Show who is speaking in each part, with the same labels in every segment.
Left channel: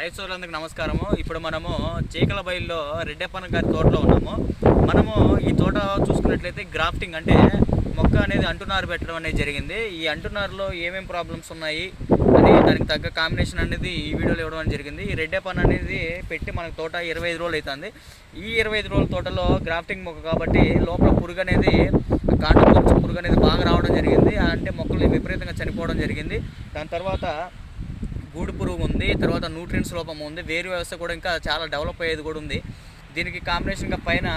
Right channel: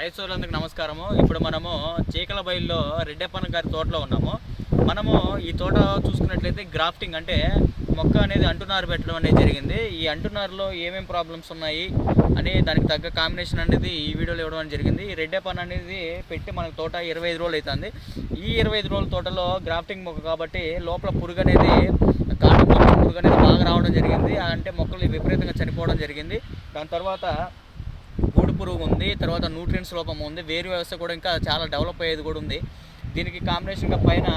Speaker 1: రైతు సోదరులందరికీ నమస్కారము. ఇప్పుడు మనము చీకల బయలులో రెడ్డప్పన్న గారి తోటలో ఉన్నాము. మనము ఈ తోట చూసుకున్నట్లయితే గ్రాఫ్టింగ్ అంటే మొక్క అనేది అంటునారు పెట్టడం అనేది జరిగింది. ఈ అంటునారులో ఏమేమి ప్రాబ్లమ్స్ ఉన్నాయి అని దానికి తగ్గ కాంబినేషన్ అనేది ఈ వీడియోలో ఇవ్వడం జరిగింది. ఈ రెడ్డప్పన్ అనేది పెట్టి మనకు తోట ఇరవై ఐదు రోజులు అవుతుంది. ఈ ఇరవై ఐదు రోజుల తోటలో గ్రాఫ్టింగ్ మొక్క కాబట్టి లోపల పురుగు అనేది కాండం పురుగు అనేది బాగా రావడం జరిగింది. అంటే మొక్కలు విపరీతంగా చనిపోవడం జరిగింది. దాని తర్వాత గూడు పురుగు ఉంది తర్వాత న్యూట్రియన్స్ లోపం ఉంది వేరు వ్యవస్థ కూడా ఇంకా చాలా డెవలప్ అయ్యేది కూడా ఉంది. దీనికి కాంబినేషన్గా పైన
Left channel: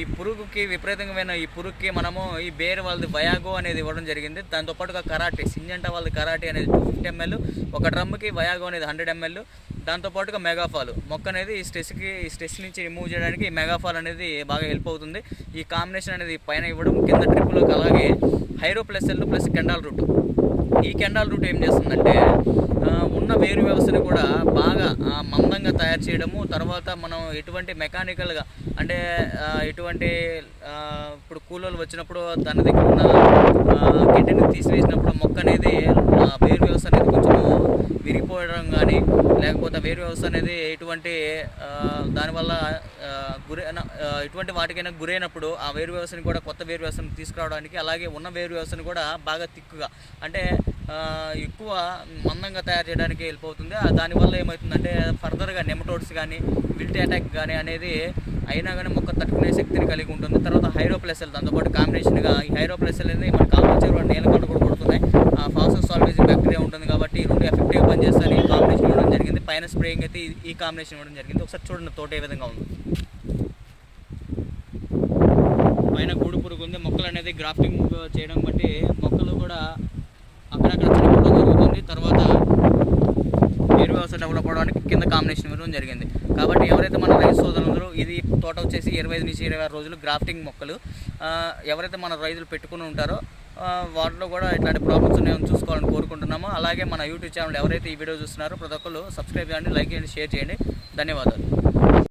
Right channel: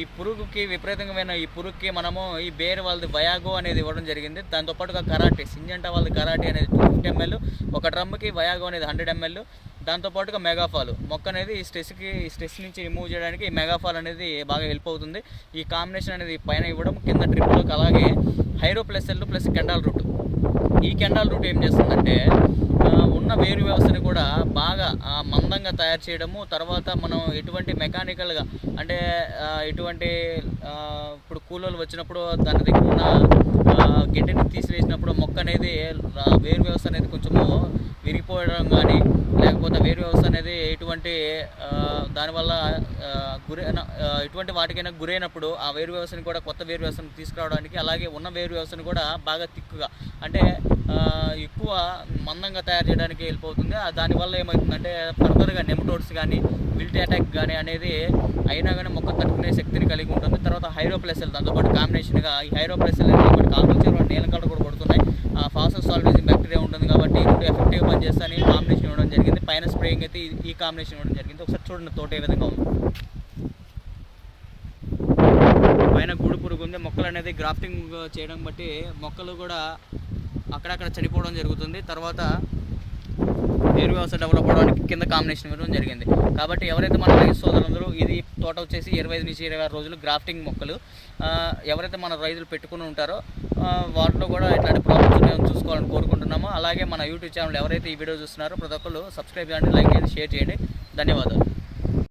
Speaker 1: ఈ పురుగుకి విపరీతమైన ఈ పురుగుకి మనము ఈ బేర్ వాళ్ళది వయాగో అనేది ఇవ్వడం జరిగింది. దాంతోపాటుగా కరాటే సింజంటా వాళ్ళది కరాటే అనేది టూ ఫిఫ్టీ ఎంఎల్ ఒక డ్రమ్కి వయాగో అనేది హండ్రెడ్ ఎంఎల్ దాంతోపాటుగా మెగాఫాల్ మొక్క అనేది ఈ స్ట్రెస్కి ఈ స్ట్రెస్ నుంచి రిమూవ్ చేయడానికి ఈ మెగాఫాల్ అనేది బాగా హెల్ప్ అవుతుంది. ఈ కాంబినేషన్ అనేది పైన ఇవ్వడం కింద ట్రిప్లోకి అలాగే హైరో plus L plus Kendal root ఈ కెండాల్ రూట్ ఏం చేస్తుందంటే ఉన్న వేరు వ్యవస్థని కూడా బాగా మందంగా తయారు చేయడము తర్వాత మనం ఎటువంటి మెకానికల్గా అంటే ఎటువంటి ఇప్పుడు కూలోళ్ళు వచ్చినప్పుడు దాని దగ్గర ఉన్న గడ్డిని తీసివేసినప్పుడు మొక్క అనేది వేరు వ్యవస్థ అనేది కొంచెం విరిగిపోవడం కానీ లేకపోతే వేరు వ్యవస్థ అనేది ఎటువంటి దానివల్ల గురైన ఎటువంటి వాటికైనా గురైనప్పుడు ఆ వేరు వ్యవస్థని కూడా కొత్త వేరు వ్యవస్థను తీసుకురావడానికి అలాగే ఉన్న వేరు వ్యవస్థను కూడా బాగా తిక్కుగా. అంటే ఎక్కువ మందంగా తయారు చేయడానికి హెల్ప్ అవుతుంది. ఆ దానివల్ల ఏమవుతుందంటే ఫర్దర్గా నెమటోడ్స్ కానీ విల్టీ అటాక్ కానీ అనేది అయినా కానీ మొక్క తట్టుకునే శక్తిని కలిగి ఉంటుంది. తర్వాత హైరోప్లెసెల్ దాంతోపాటు కాంబినేషన్గా ఈ హైరోప్లెసెల్ అనేది మనకి ఆల్మోచర్ నేల కూడా కొడుతున్నాయి. ఆ ఫాసస్ సాల్వేజింగ్ బ్యాక్టీరియా ఉంటుంది కాబట్టి ఈ ఎఫెక్టివ్గా పనిచేస్తాయని ఈ కాంబినేషన్ ఇవ్వడం జరిగింది. పైన స్ప్రేయింగ్ అయితే ఈ- ఈ కాంబినేషన్ ఇవ్వడం జరిగింది. ఒకసారి చూడండి తోట ఏ విధంగా ఉంది. పైన గూడు పురుగు ఉంది. మొక్కలు అనేది గ్రాఫ్టింగ్ చేయడం బట్టి మొక్కలు కూడా అక్కడక్కడ చనిపోవడం జరుగుతుంది. తర్వాత వేరు వ్యవస్థ డెవలప్ అవడానికి కింద కాంబినేషన్ ఇవ్వడం జరిగింది. కాబట్టి ఎవరైతే మన రైతు సోదరులందరూ ఇది తోట వచ్చేసి ఇరవై ఐదు నుంచి ఇరవై ఆరు రోజులు గ్రాఫ్టింగ్ మొక్కలు ఎవరైతే మన రైతులు పెట్టుకుని ఉంటారో వాటిలో కూడా ఇట్లాంటి ప్రాబ్లమ్స్ ఉన్నాయని చూసుకోవాలని కోరుకుంటున్నాము. అలాగే మన యూట్యూబ్ ఛానల్ ఎవరైతే ఈ వీడియో చూస్తున్నారో ప్రతి ఒక్కరు సబ్స్క్రైబ్ చేయండి లైక్ చేయండి షేర్ చేయండి. ధన్యవాదాలు.